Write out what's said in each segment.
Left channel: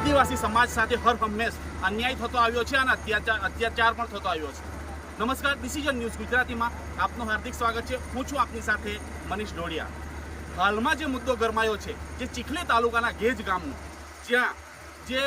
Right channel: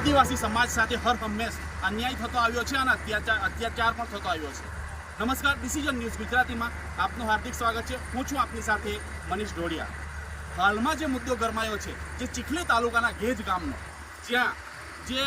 આદિવાસી સમાજ સાથે હર હંમેશ અન્યાય થતો આવ્યો છે અને અત્યાચાર પણ થતો આવ્યો છે। નમસ્કાર, ડિસિઝન ન્યૂઝ ગુજરાતીમાં આપનું હાર્દિક સ્વાગત છે। હું છું આપની સાથે મનીષ ઢોડિયા। હાલમાં જે મુદ્દો ગરમાયો છે જે ચીખલી તાલુકાના ગેજ ગામનો, જ્યાં જે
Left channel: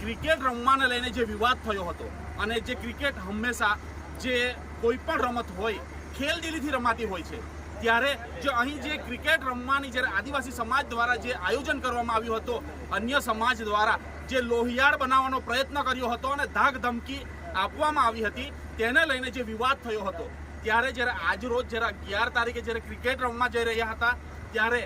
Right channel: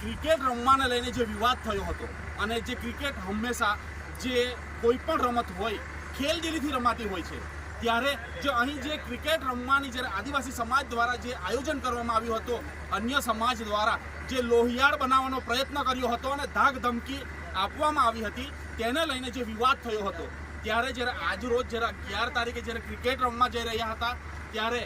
ક્રિકેટ રમવાને લઈને જે વિવાદ થયો હતો અને જે ક્રિકેટ હંમેશા જે કોઈ પણ રમત હોય ખેલદિલીથી રમાતી હોય છે, ત્યારે જે અહીં જે ક્રિકેટ રમવાની જ્યારે આદિવાસી સમાજ દ્વારા જે આયોજન કરવામાં આવ્યું હતું, અન્ય સમાજ દ્વારા જે લોહિયાળ બનાવવાનો પ્રયત્ન કર્યો હતો અને ધાક ધમકી આપવામાં આવી હતી, તેને લઈને જે વિવાદ થયો હતો, ત્યારે જ્યારે આજરોજ જ્યારે 11 તારીખે જ્યારે ક્રિકેટ રમવા જઈ રહ્યા હતા, ત્યારે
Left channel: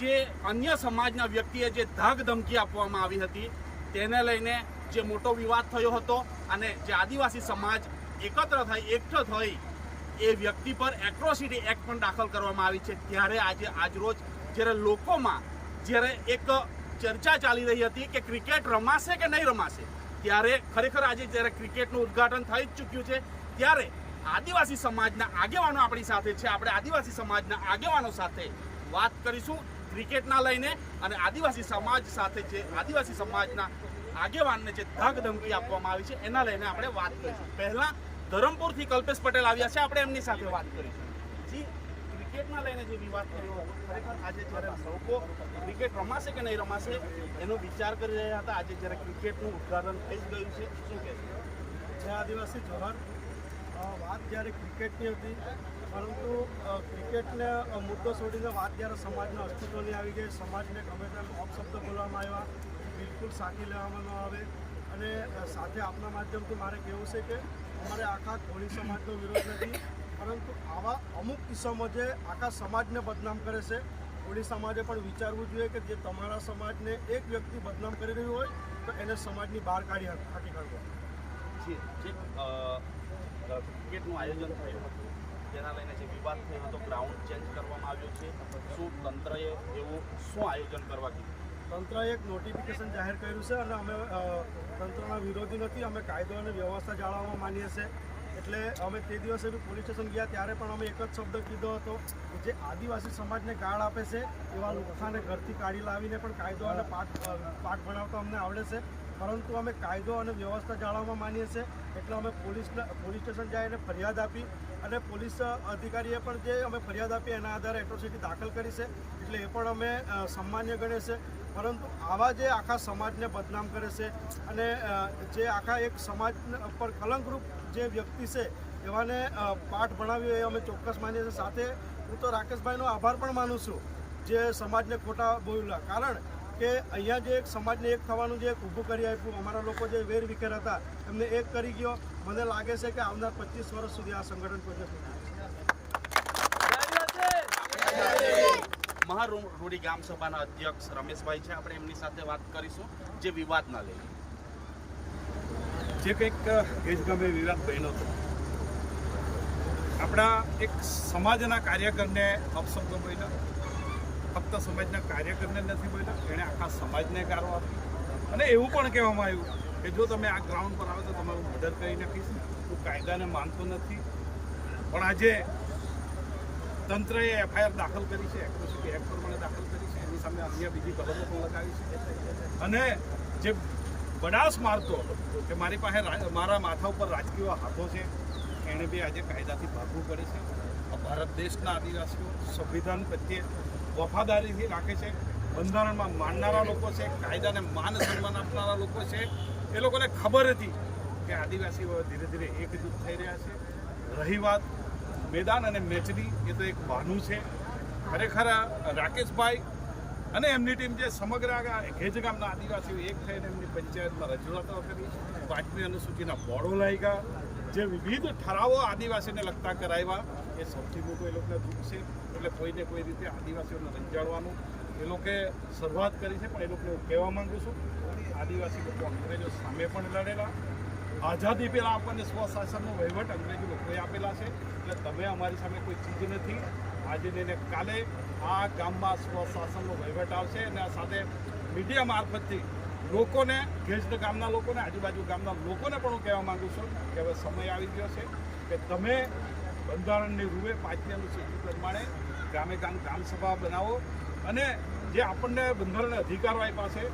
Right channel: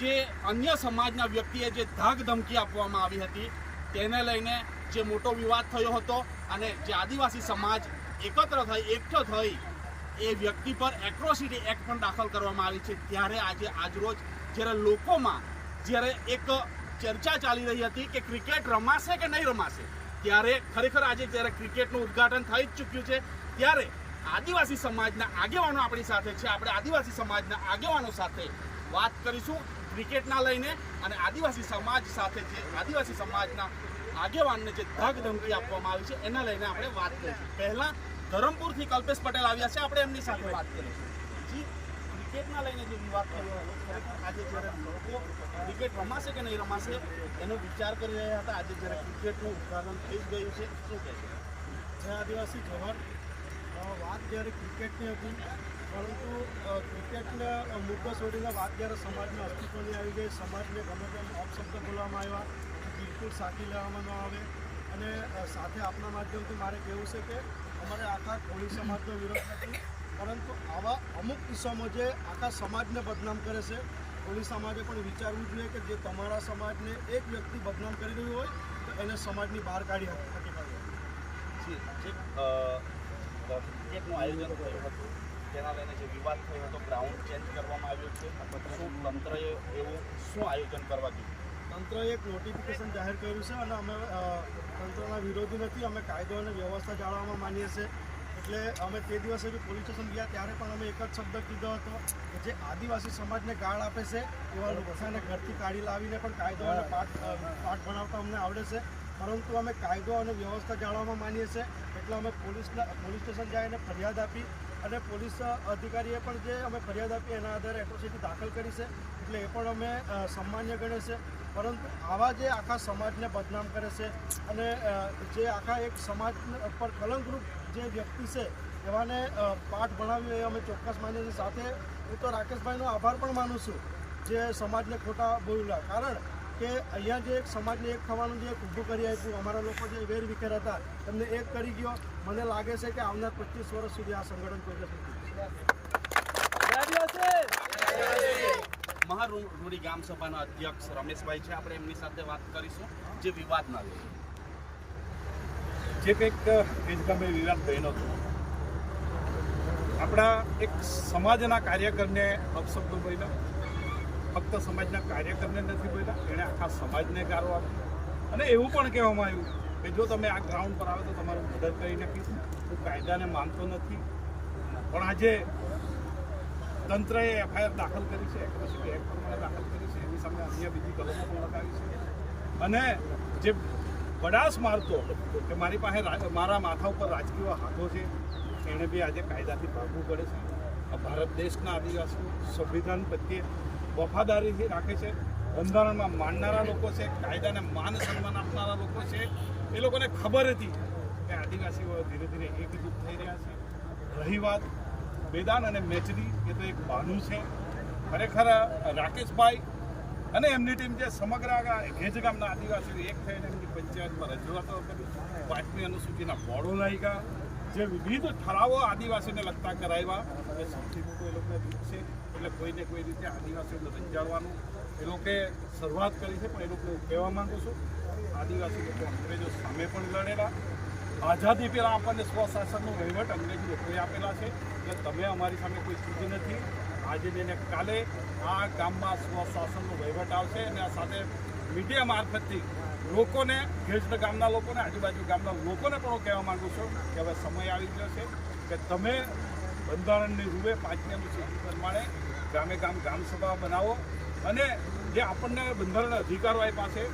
જે અન્ય સમાજના વ્યક્તિએ જે ધાક ધમકી આપવામાં આવી હતી, તેને લઈને જે મોટો વિવાદ થયો હતો અને જે આદિવાસી સમાજ એકત્ર થઈ એકઠો થઈ એ વ્યક્તિ પર એટ્રોસિટી એક્ટ પણ દાખલ કરવામાં આવી છે। ત્યારે આજે આજરોજ જ્યારે લોકોમાં જ્યારે એક ચર્ચા ચાલી રહી હતી કે ક્રિકેટ રમાશે કે નહીં રમાશે, ત્યારે ખરેખર આજે જ્યારે ક્રિકેટનું ઉદ્ઘાટન થઈ જ ચૂક્યું છે, ત્યારે આદિવાસી સમાજના આગેવાનો આપણી સાથે છે। આપણે આદિવાસી સમાજના આગેવાનો સાથે વાત કરીશું ક્રિકેટના લઈને અને આદિવાસી સમાજ સાથે જે આદિવાસી સમાજના આગેવાનને જે ધાક ધમકી આપવામાં આવી છે એના લઈને આપણે વાત કરીશું। પહેલાં ધરમપુરથી કલ્પેશ પટેલ આવ્યા છે, આપણે એમની સાથે વાત કરીશું। જી, ક્રિકેટના લઈને જે વિવાદ થયો હતો, ખરેખર આજે જ્યારે લોકો ક્રિકેટ રમાશે કે નહીં રમાશે એનો વિચાર કરી રહ્યા હતા, આજે જ્યારે ક્રિકેટનું ઉદ્ઘાટન થઈ જ ગયું છે, શું કહેશે? જય આદિવાસી જોહાર। વાત જ્યારે ક્રિકેટની હતી, પરંતુ ક્રિકેટને મુદ્દો છોડીને વાત જ્યારે સમાજના અસ્તિત્વની આવી ગઈ, સમાજને ગમે તેમ અપશબ્દ બોલવામાં આવ્યા, બિલકુલ સાચી લેવામાં ન આવે। અને સાથે આપણા માધ્યમથી મારે કહેવું છે કે અમારે આખા કોળી સમાજનો વિરોધ નથી, પરંતુ આવા અમુક કિસ્સાઓ જે આખા સમાજને બદનામ કરે છે, કોળી સમાજે પણ વિચારવું જોઈએ કે જે તમારા સમાજને એક વ્યક્તિ બદનામ કરી રહ્યું હોય તો એને સમાજની બહાર કાઢી હાકી કાઢવો। જી, જે ક્રિકેટનું આયોજન થયું હતું તેના લઈને જે વિવાદ થયો હતો, ગ્રાઉન્ડ ચેન્જ કરવામાં આવ્યો છે, શું તંત્રએ એવું શું આયોજન કરવા કીધું? તંત્રએ એક નોટિફિકેશન જાહેર કર્યું છે અને અમે તંત્રના વિરોધી નથી, અમે કાયદો અને વ્યવસ્થા જાળવવામાં માનીએ છીએ। એટલે અમે તે દિવસે બી પોલીસ સ્ટેશન ગયા ત્યારે પણ અમે એક જ શબ્દ કીધો હતો કે જે આદિવાસી સમાજને ગાળ આપે છે એવા લોકોને ઘરથી કાઢી લાવીને પણ કાયદો અને પાઠ ભણાવતા અમને આવડે છે, પરંતુ અમે કાયદો અને વ્યવસ્થા જાળવવામાં માનીએ છીએ। એટલે અમે પોલીસ સ્ટેશન જઈને ફરિયાદ આપી અને પોલીસ અધિકારીએ પણ જે અમે ફરિયાદ આપી એના આધારે એટ્રોસિટી દાખલ કરી છે, એટલે એ પણ અમે સન્માન્ય ગણે છે। પરંતુ આવા જે આખા સમાજને બદનામ કરે છે અને જે આખા એક સમાજ પર કલંકરૂપ જે વ્યક્તિ છે એવાને પાઠ ભણાવ્યો એ અમે ચોક્કસ માનીએ છીએ। સાથે હું તો રાકેશભાઈનો આભાર પણ માનું છું જે સમાજને ખોટા બોલ્યા, કારણ કે અહીંયા જે એક સમાજને એક થવાનું જે એક ઊભું કરી આપ્યું, અમારા લોકો જે વેર વિખેર હતા એમને એક કરી ગયો। મને લાગે છે કે આવનાર 25 વર્ષ સુધી આ સંગઠન પ્રોગ્રેસ નથી। મહારૂડી ગામ સભાના અધ્યક્ષ રમેશભાઈ છે, આપણે એમની સાથે વાત કરીશું જે વિવાદના લઈને। જે કંઈક ગેજ ગામે વિવાદ બન્યો હતો, આપણા એક સમાજના કાર્યકરને અપશબ્દો બોલ્યા, ફક્ત સમાજના કાર્યકરને નથી બોલ્યા, એણે આખા સમાજને ગાળો આપી અને એવું પણ કહેવામાં આવ્યું કે જો તમે આ ગ્રાઉન્ડ પર આવો તો તમારું મર્ડર કરી નાખીશ। હું કાયદાને માનતો નથી, પણ આજે તંત્રએ FIR દાખલ કરી છે, એટ્રોસિટી એક્ટ પ્રમાણે દાખલ કરી છે, એની સામે અન્ય બીજી કલમો પણ લગાવી છે અને જે બડાસ મારતો કે મારી પાસે મારા માથા ઉપર રાજકીય હાથો છે, એણે બી આજે કાયદાથી ભાગવું પડે છે। ભારત દેશના આદિવાસીઓ સંવિધાન પ્રત્યે વફાદારીથી રાખે છે, બંધારણમાં માનનારા લોકો છે, કાયદાને માન સન્માન આપનારા લોકો છે। એ લોકોને ખબર હતી કે આદિવાસીઓ ધીરે ધીરે એકજૂથ થઈ રહ્યા છે। રહી વાત મેદાન અને મેચની, એ તો એક બહાનું છે। ખરેખર રાકેશભાઈ અને એમની ટીમ જે સમગ્ર ગેજ ગામના આદિવાસીઓ એક થઈને એમની પંચાયતમાં રજૂઆતો કરી, 5મી અનુસૂચિના બોર્ડો લાગ્યા, જે વિવિધ ઠરાવો આદિવાસીને લગતા કરાવ્યા, એ સૌથી મોટું એ લોકોને દુઃખ છે। એટલે કોઈને કોઈ રીતે આદિવાસીઓને રંજાડવાનું એ લોકોએ શરૂઆત કરી છે, પણ એ લોકોને હું કહેવા માગું છું, આદિવાસી લોકો અંગ્રેજો સામે પણ લડેલા, આઝાદી પહેલાં આપણને સ્વશાસનનો વહીવટ અંગ્રેજો લોકોએ આપેલા છે, એટલે તમે અમારી સામે કોઈ ચીજ નથી। આજે ને કાલે આ ગામમાં સ્વશાસનનો વહીવટ આવશે અને આ સાથે મીડિયા મારફતથી લોકોને, ગેજ ગામના લોકોને, આજુબાજુ ગામના લોકોને પણ હું કહેવા માગું છું કે હવે સમય આવી ગયો છે કે તમે બંધારણની રૂએ 5મી અનુસૂચિ પ્રમાણે ગામે ગામ સભા બનાવો અને જે આપણને બંધારણ અધિકારો આપ્યા છે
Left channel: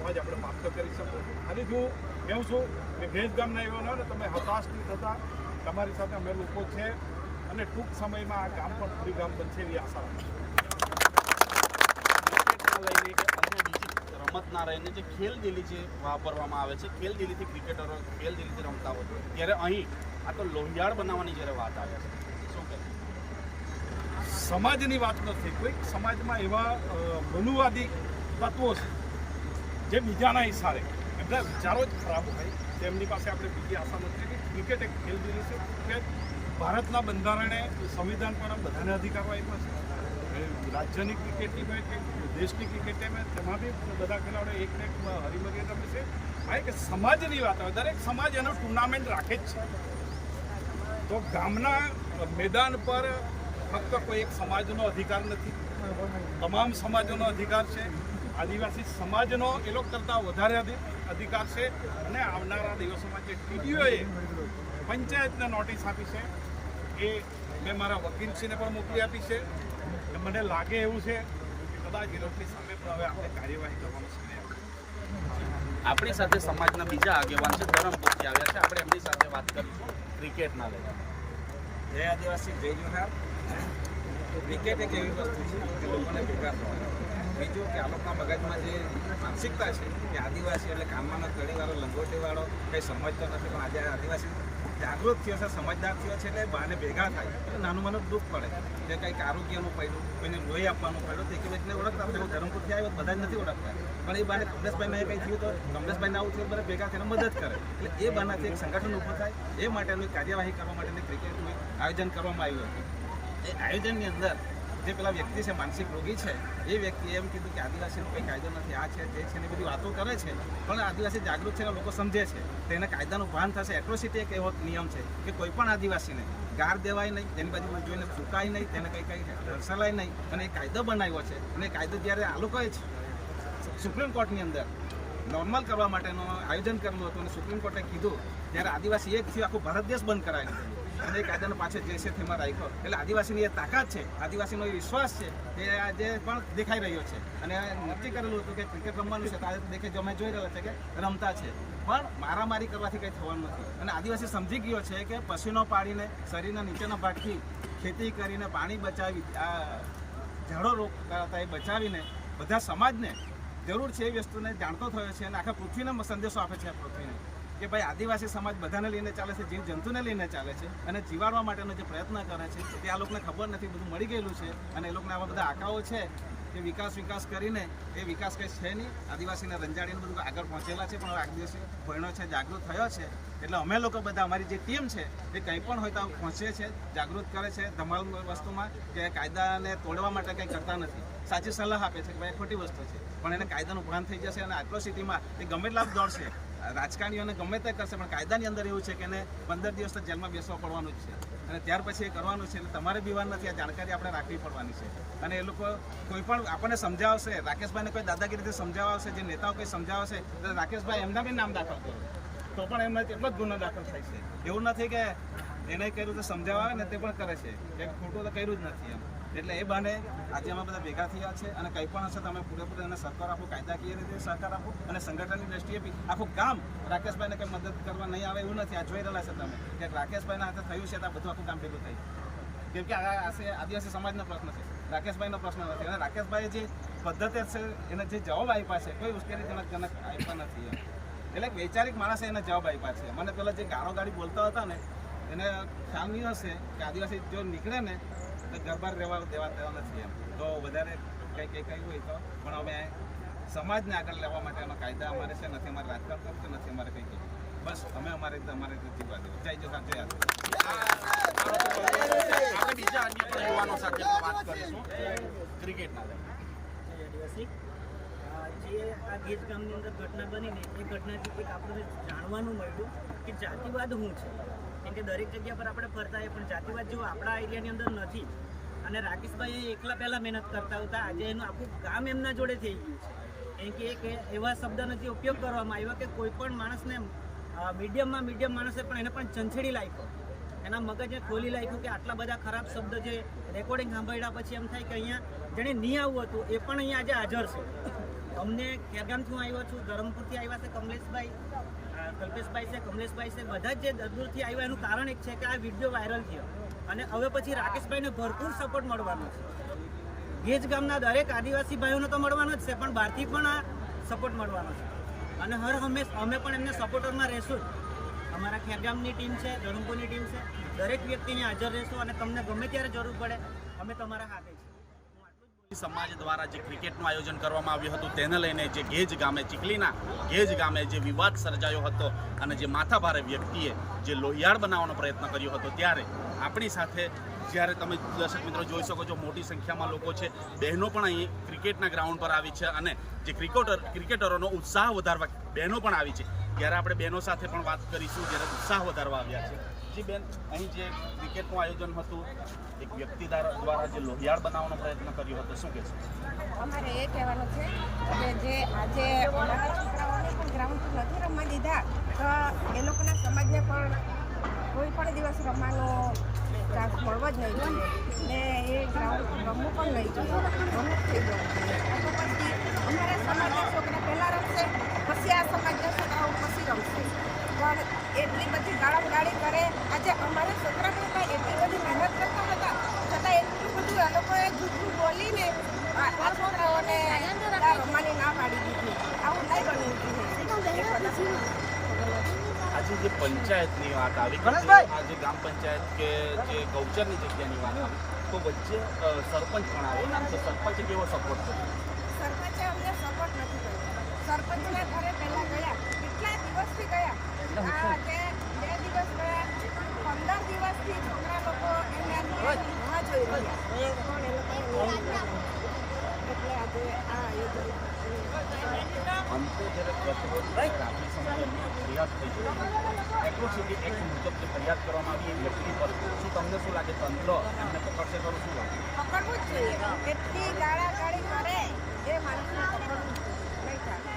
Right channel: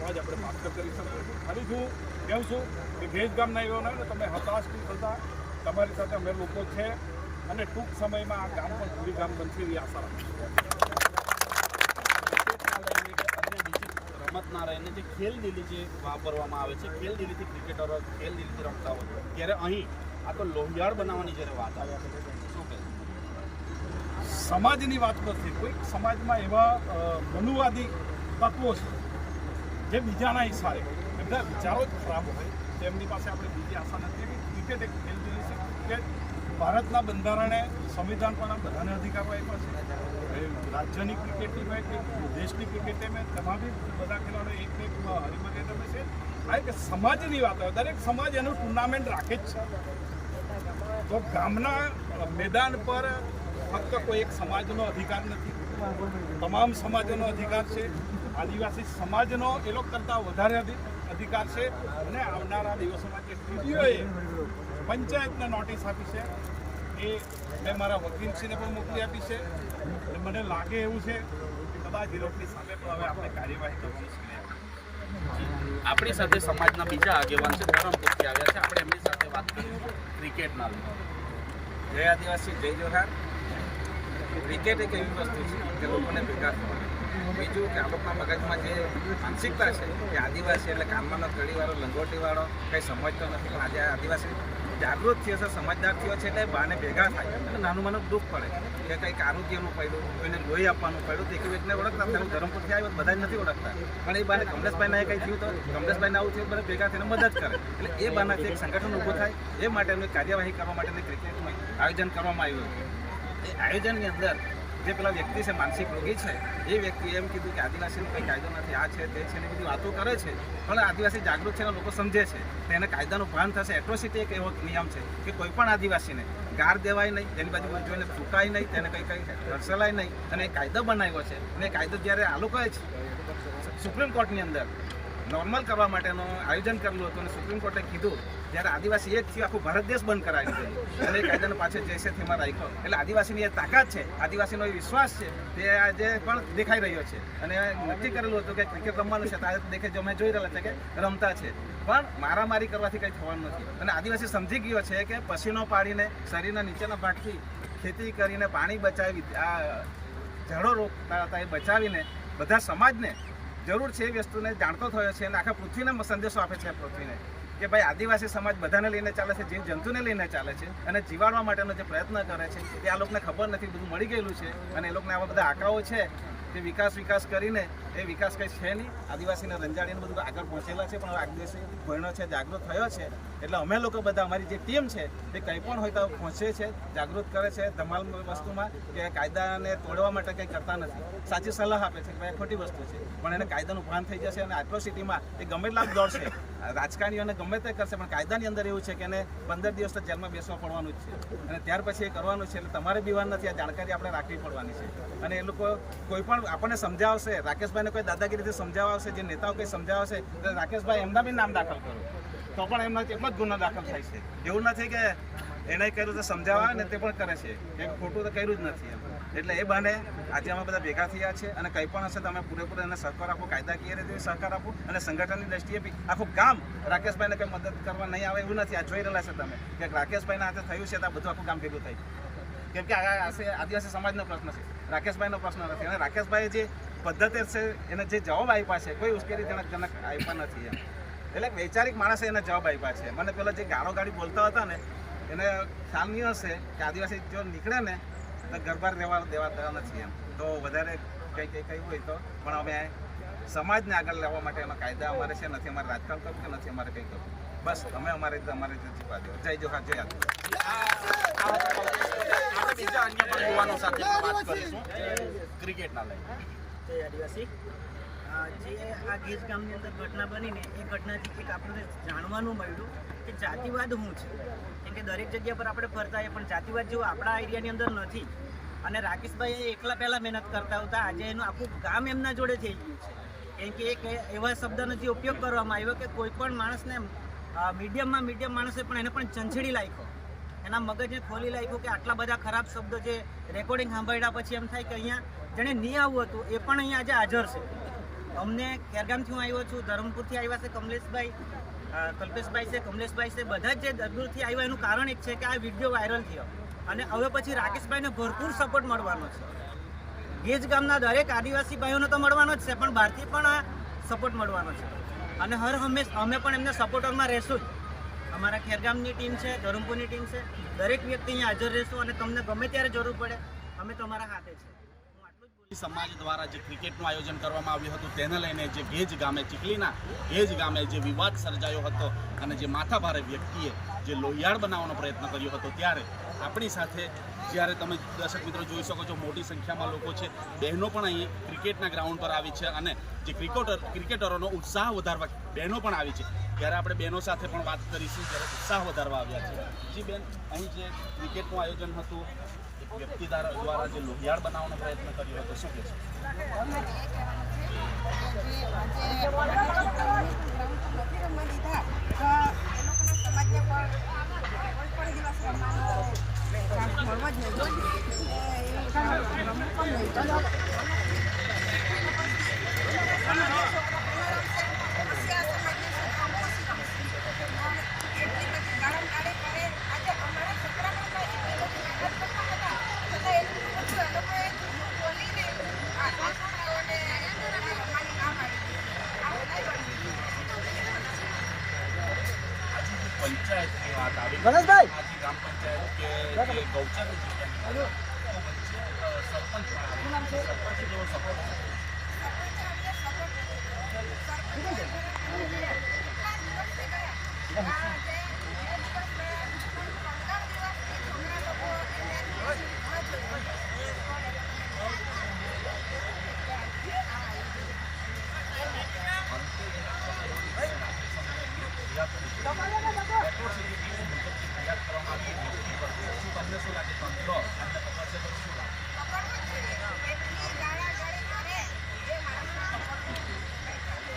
તો જ આપણે પ્રાપ્ત કરી શકીશું. ફરીથી હું કહું છું કે ભેજ ગામના એવા હોય ને તમે હતાશ નહીં થતા, તમારી સાથે અમે લોકો છે અને ટૂંક સમયમાં આ ગામ પણ પૂરી ગામ બનશે એવી આશા રાખીશું. ક્રિકેટના લઈને કે અન્ય બીજી રમતના રહીને જે ખેલદિલી જે વાપરવામાં આવે છે, ખેલદિલીથી ક્રિકેટરો ખેલદિલીથી રમતા હોય, ત્યારે અહીં આ તો લોહિયાળ બનાવવાની જ્યારે વાત આવે છે, શું કહે? સમાજની વાત નથી, કોઈક સમાજમાં એવા મનુવાદી તત્વો છે જે બીજાના ઈશારે એમના વિચારો જ ખરાબ હોય, તેમની પાસે આપણે બીજી આશા નથી. કે ક્રિકેટ એક ખેલદિલી છે કે ભારતના બંધારણે સંવિધાન પણ બધાને અધિકારો આપ્યા છે. રાજ્યની ક્રિકેટ ટીમ હોય કે દેશની ક્રિકેટ ટીમ હોય, તેમાં બી બધા ખેલાડીઓ એક હરીમરી રમે છે. આ એક સમાજની વાત હોય, દરેક સમાજ એનું ટુર્નામેન્ટ રાખે જ છે. તો ગામના મેદાન પર ફક્ત કોઈ એક સમાજનો અધિકાર નથી, તમામ સમાજોનો અધિકાર છે. આદિવાસી સમાજનો એ લોકો કરતાં વધારે અધિકાર છે. અને આવનારા દિવસોમાં જે ટીડીઓએ પંચાયતને નોટિસ આપી છે એ મેં મારા વકીલશ્રીને પણ મોકલી આપી છે. અને મને લાગે એવું છે કે કદાચ એ લોકોની સામે પણ હવે આપણે કાર્યવાહી કરવાનો સમય આવ્યો. આપણી સાથે સમાજના બીજા આગેવાન છે, ધરમપુરથી આવ્યા છે, આપણે એમની સાથે વાત કરીશું ક્રિકેટના લઈને. જય આદિવાસી, જય જોહાર. ક્રિકેટ એક એવી વસ્તુ છે કે લોકોને ભેગા થવાની. બીજું કે આ લોકોના મગજમાં જે માનસિકતા છે કે આદિવાસી એટલે કાનમાંનો કડીવાળો, લંગોટીવાળો કંઈ સમજતો નથી. પણ આજે આદિવાસી જાગૃત થયો છે, સમજદાર થયો છે, એટલે બાને ભેગા થાય અને નાનું મને દુઃખ પડે કે કંઈક આરોગ્યનું પડ્યું, કોઈને લોહી આપવાનું પડ્યું, તો એકબીજાને ઓળખતા હતા. હું ધરમપુરથી આવ્યો, બધા જ નથી ઓળખતા, પણ એ બાને કમલેશભાઈને કંઈ થયું તો કમલેશભાઈને આવું થયું, બધા ભેગા થઈને મદદ કરે. એટલે એ બાનાથી એક સંગઠન ઊભું થાય, એ માટેનું કાર્યવાહી કરવા માટેની ક્રિકેટનું આયોજન કરવામાં આવ્યું હતું. એ આયોજનની અંદર જે પેલા વ્યક્તિ છે, માનસિક રોગી છે, એ વ્યક્તિએ એમ કીધું કે આદિવાસીનો કંઈ કાયદો નથી, આ છે તે છે ને બધી વાતો કરે છે. પણ આદિવાસી જાગૃત છે ને લોકો સમજે છે, તો એને કાયદાનું ભાન થશે. એટ્રોસિટી એક એવો નિયમ છે કે કોઈ પણ આદિવાસીને ગાર દેવાય નહીં, તેની બાજુ જોઈને ફૂંકાય નહીં, તેને કંઈ હરસલાય નહીં. અને એ કાયદો બનાવ્યો છે. અને એ કાયદો જ્યારે આ લોકોએ જ સુપ્રીમ કોર્ટની અંદર નોર્મલ કરવા માટેનું આયોજન કરેલું હતું અને સુપ્રીમ કોર્ટે કીધું, જ્યારે આદિવાસી એક થયું આખું ભારત દેશ બંધ કરાવી દીધેલું અને એ કાયદાને પાછળ જૈસે થીમાં રાખ્યો. એટલે આદિવાસીની એ તાકાત છે, આદિવાસીનો એ વિશ્વાસ છે, તે આજે પણ દેખાઈ રહ્યો છે. અને નક્કી કરેલું હતું કે ક્રિકેટ રમવાનું છે, તો દેખે જો અમે જોઈ રહેલા છે કે રમતા છે, પણ મારામારી કરવાથી કંઈ થવાનું નથી. અને આદિવાસી સમજી ગયો છે કે પસીનો પાડીને શરીરના નીચેના ભાગથી ખેતી કરીને પાણી બચાવી, આ ઝાડો રોકતા હતા એ બચાવીને બધા સમાજને જરૂર છે એ વસ્તુને જાણતો થયો છે. અને આખા પૃથ્વીને સંદેશો આપે છે પૃથ્વીને કે ભાઈ આદિવાસી સમાજ બધાને લઈને ચાલે છે, જીવ જંતુને લઈને ચાલે છે અને જીવાડવા માટેનો જે પ્રયત્ન કરે છે તે આ લોકોને ખબર નથી, બધું મળી ગયેલું છે. અને એ લોકોને આવા બધા આંકડાઓ છે કે વિકાસ કરીને એ વિકાસ કંઈ છે નહીં. આદિવાસીને રંજાડીને બધું આગળ પહોંચેલા છે, પણ હવે આદિવાસી ભણ્યો છે, જાગૃત થયો છે. એટલે અમે લોકો બધા અમારી જે ટીમ છે એ કંઈ પણ હોય તો પહોંચે છે, જાગૃત કરે છે ધમાલ વસ્તુમાં, કે કાયદાને તોડવા માટે કંઈ કરતા નથી. સાચી સલાહ આપે છે કે ભાઈ ખોટી વસ્તુ છે, પણ એને કાયદાનું ભાન થઈ જશે. અને એટ્રોસિટીમાં એ ગમે એટલા દોડશે, રાજકારણીઓને ગમે તે કરશે, પણ કાયદાની અંદર એવું છે કે એને 15 દિવસ તો જેલમાં બેસવા પડવાનું જ છે. અને ત્યાર પછી એ કરવાનું છે. એટલે તમારે બીવાર નથી, આ જાણકારી આપણે રાખવી પડવાની છે. અને એ લોકો કોઈ પણ આપણને સમજાવશે, રાકેશભાઈને કોઈ દાદાગીરીથી સમજાવવા આવશે, જે નેતાઓ કંઈ સમજાવશે તો રાકેશભાઈ એમના બી નામ દાખલ કરો, તો પણ એમના એટલો જ ગુનો દાખલ થાય છે. એવું નથી કે એને કર્યું તો સમજાવવા આવે ને તે પણ કરે છે, કે ખોટું તો કર્યું જ નથી એમ. એટલે એ બહાને આજે અમે બધા ભેગા થયા છે. અને કંઈ પણ હશે તો અમે પૂરેપૂરો એને સહકાર આપો, કાયદાકીય રીતે સહકાર આપો. અને સંગઠનની દ્રષ્ટિએ બી આખું ગામ રાકેશભાઈને કંઈ મદદ કરવા નહીં આવે એવું નથી. આ જોઈ રહેલા છે તમે કે રાકેશભાઈના હાથે થયું છે તો આ બધું આખું ગામ ભેગું થાય. કેમ કે આ આદિવાસી સમાજનો પ્રશ્ન છે, રાકેશભાઈનો પ્રશ્ન નથી. અને રાકેશભાઈએ જે પદ્ધતિ છે એને જે જવાબ આપ્યા છે કોઈ ઉશ્કેરીજનક આપ્યા નથી એમ. એટલે એક વૈચારિક માણસે એને જવાબ આપ્યા છે. મને પેલા જે ગાળો ગાડી બોલતા હતા ને એને ખ્યાલ નહીં હશે કે આદિવાસી જો નીકળે ને તો ગરબાર દેવા નથી એમ. તો વધારે કંઈ હોય તો પણ અમે સમાજને આગળ લેવા માટે એનો કાયદા અમારે છે, નથી અમારે રાજકારણ કરવું કે નથી અમારે કંઈ કરવું. બસ અમે અમારે રીતે જીવવા દેવો. જય જોહાર, જય આપણે બીજા અન્ય પણ યુવાનો સાથે પણ વાત કરીશું ક્રિકેટના લઈને. જય આદિવાસી. જે આ ગીર ગામની અંદર ઘટના બનીને એ ઘટનાથી એક આપણને જાણવાનું મળ્યું કે જાતિવાદ શું છે. કેમ કે દરેક જગ્યા પર આપણે ફરતા હોય પણ જાતિવાદ જેવું આપણા એરિયાની અંદર નથી. અને રાકેશભાઈ એકલા પહેલાં મહેનત કરતા હતા, આજે એનું આખું ગામ એમના જોડે થઈ ગયું છે. કેમ કે એક એવા શબ્દનો જે ઉપયોગ કરવામાં આવ્યો કે કોઈ પણ માણસને મીડિયમ માણસે પણ એને પણ ચંચેડી નાખ્યો, એના મગજને ખોલી નાખ્યું કે આટલા બધા ખરાબ શબ્દો જે રેકોર્ડિંગ સાંભળ્યા પછી એમ થાય કે અહીંયા જેણે નહીં આવવું હતું એ પણ અહીંયા આજે હાજર છે. અમને ખેરગામથી હું આવ્યો છું, ધરમપુરથી આવ્યા છે કમલેશભાઈ, કલ્પેશભાઈ છે, કમલેશભાઈ છે, બધા જ જે દૂરથી આવ્યા એનું કારણ એક છે કે આ વિડીયો વાયરલ થયો અને હવે પછી રાકેશભાઈને ભરપૂર સપોર્ટ મળવાનો છે. ગેજ ગામના દરેક આદિવાસી ભાઈઓને તો મળવાનો જ છે, પણ બહારથી પણ આ સપોર્ટ મળવાનો છે અને હર હંમેશ અમે પણ એમને સપોર્ટરમાં રહેશું જ. અમારા ખેરગામની ટીમ છે, ધરમપુરની ટીમ છે, દરેક વ્યક્તિ અહીંયા હાજર રહેશું અને તમને ગમે ત્યારે જરૂર પડે અમે તમારા હાથે છે. હું આટલું જ બોલીશ. સમાજ દ્વારા જે ક્રિકેટનું આયોજન કરવામાં આવ્યું હતું તેને લઈને જે ગેજ ગામે ચીખલીના ગેજ ગામે જે વિવાદ સર્જાયો હતો અને જે માથાભારે વ્યક્તિએ જે લોહિયાળ બનાવવાનો પ્રયત્ન કર્યો હતો, ત્યારે આપણી સાથે જ્યારે તમે દર્શક મિત્રો જોઈ શકો છો મોટી સંખ્યામાં લોકો છે, બહેનો પણ અહીં ક્રિકેટના ગ્રાઉન્ડ પર આવી છે અને જે ક્રિકેટરોનો ઉત્સાહ વધારવા બહેનો પણ આવી છે. ત્યારે આપણે બહેનો સાથે પણ વાત કરીશું જ્યારે ઉત્સાહ વધારવા આવ્યા છે. જી બેન, અહીં જે ક્રિકેટનું આયોજન હતું, એક વ્યક્તિ દ્વારા જે લોહિયાળ બનાવવાનો પ્રયત્ન કર્યો હતો, શું કહેશો? અમારે એ કહેવાનું છે કે જે આજે અમારા છોકરાઓને પણ ગ્રાઉન્ડ પર નથી રમવા દીધા, તો એ લોકોના સમાજને પણ કોઈ પણ દિવસ રમવાનો ચાન્સ મળવો જ નહીં જોઈએ ને એ ગ્રાઉન્ડ પર રમવું પણ નહીં જોઈએ. મને થઈ જાય તો પછી અમારા સમાજના છોકરા પહેલાં રમશે, પછી આ સમાજના છોકરાઓ પછી રમશે. પણ એટલી બધી ગાળાગાળી કરે. આજે અમારા છોકરા પણ કાંઈ એટલી બધી મહેનત કરતા હતા, છતાં એટલું બધું એ લોકોએ જૂઠું બોલીને આ છોકરાઓને રમવાની ના પાડી દીધી. આવું નહીં બનવું જોઈએ. આજે જે પંચાયતની વાત આવી, આજે ગ્રામ પંચાયત કે જે ગૌચરની જગ્યાની વાત આવી, તો વચ્ચે સરપંચ પણ આવે, તો સરપંચે કેવો સપોર્ટ કર્યો? સરપંચે અમને સપોર્ટ નથી કર્યો. સરપંચના ઘરે પહેલાં ગયા, કેટલા દિવસથી ગયા, આજે 2 દિવસ ગયા, પણ 15 દિવસથી છોકરા લોકો એની રાહ જોઈ રહ્યા, પણ એ લોકોને એટલે આજે આ આયોજન. અંતે જ્યારે ગત રોજ રાત્રિ સમયે એમની ફરિયાદ થઈ છે, એટ્રોસિટી એક્ટ મુજબ જે ફરિયાદ કરવામાં આવી એ વ્યક્તિ પર, શું તમને શું લાગે તંત્ર એમને પકડશે ખરું? શું લાગે? પકડવું જ જોઈએ. એટલી ગાળાગાળી કરે એ માણસને પકડવું જ જોઈએ. નહીં ચાલે.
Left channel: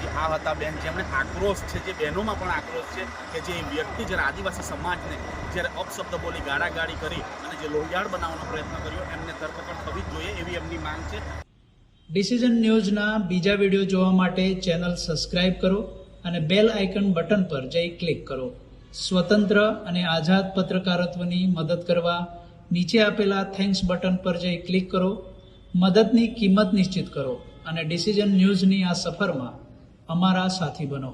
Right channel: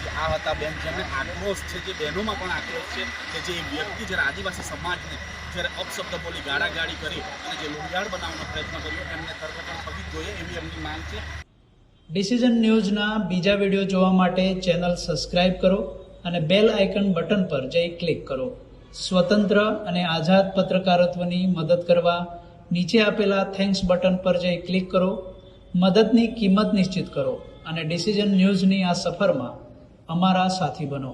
જે આ હતા બેન, જેમણે આક્રોશ છે, જે બહેનોમાં પણ આક્રોશ છે કે જે વ્યક્તિ જ્યારે આદિવાસી સમાજને જ્યારે અપશબ્દ બોલી ગાળાગાળી કરી અને જે લોહિયાળ બનાવવાનો પ્રયત્ન કર્યો, એમને ધરપકડ થવી જ જોઈએ એવી એમની માંગ છે. ડિસિઝન ન્યૂઝના બીજા વિડીયો જોવા માટે ચેનલ સબસ્ક્રાઇબ કરો અને બેલ આઇકન બટન પર જઈ ક્લિક કરો. સ્વતંત્ર અને આઝાદ પત્રકારત્વની મદદ કરવા નીચે આપેલા થેન્ક્સ બટન પર જઈ ક્લિક કરો. મદદની કિંમત નિશ્ચિત કરો અને ડિસિઝન ન્યૂઝની આ સફરમાં અમારા સાથી બનો.